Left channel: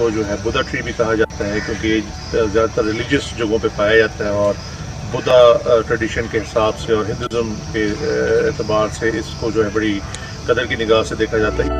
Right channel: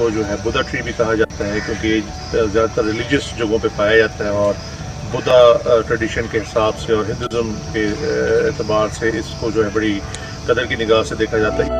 इसको जो है बुद्धा ट्री भी कहा जाता है, क्योंकि ज़्यादातर रिलीजियस जगहों पे पाया जाता है और बुद्धा ट्रेडिशन के हिसाब से और हिंदुज़म के एतबार से इसको जो है बड़ी कदर की निगाह से देखा जाता है।